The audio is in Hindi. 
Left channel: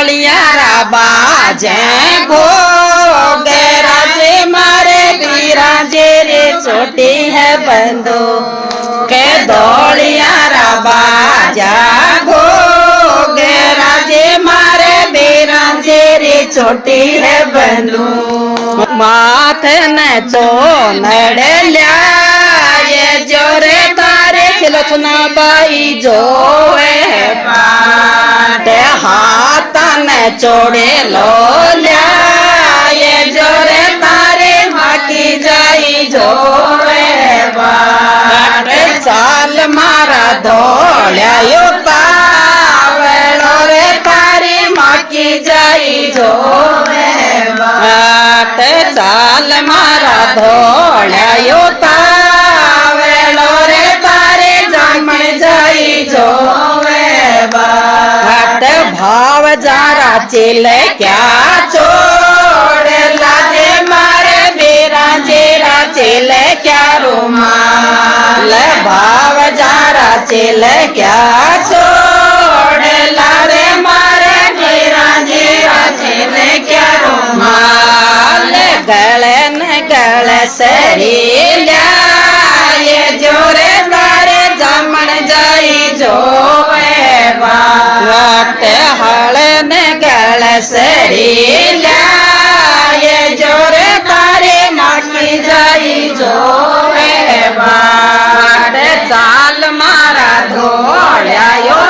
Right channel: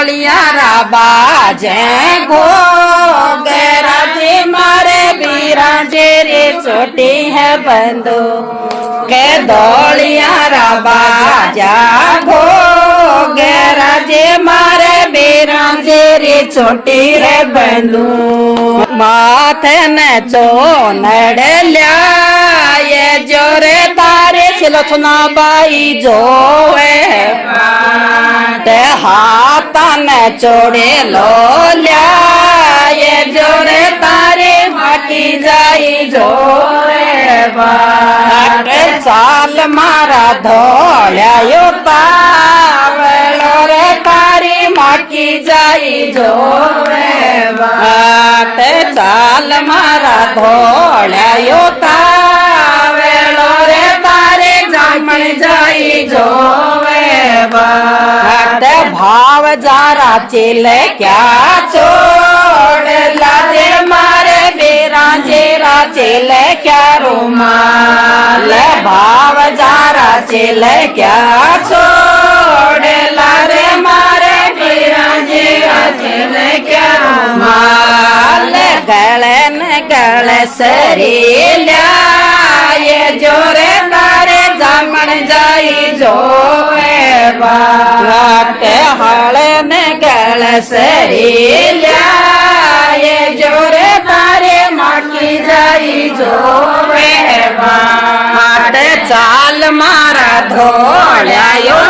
ढोलियारा बाजे घोगे राजे मारे बिराजे रे छोटी है बंदो के ढोलियारा बाजा घोगे राजे मारे बिराजे रे छोटी है बंदो माथे ने चो नड़ल्या ये जोरे तारे सिलचना बाई जोवे ते हाथ ने चोड़े लो लिया ये जोरे तारे बाकी जाई जोवे चाल मारा धोल्या यो पावलो रे तारी माकी जाई जोवे चाल मारा धोल्या यो तावलो रे तारे जामण जाई जोवे हट भाव जारा चिले क्या छोड़ लाजे मारे बेरा जेरा चिले क्या रुमाल भाव जारा चिले क्या छोड़ लारे मारे बेरा जेरा चिले क्या रुमाल गले न गले सरी ये जोरे तारे जामण जाई जोवे घाटे हाले ने गल सरी ये जोरे तारे माकी जाई जोवे चाल मारा धोल्या यो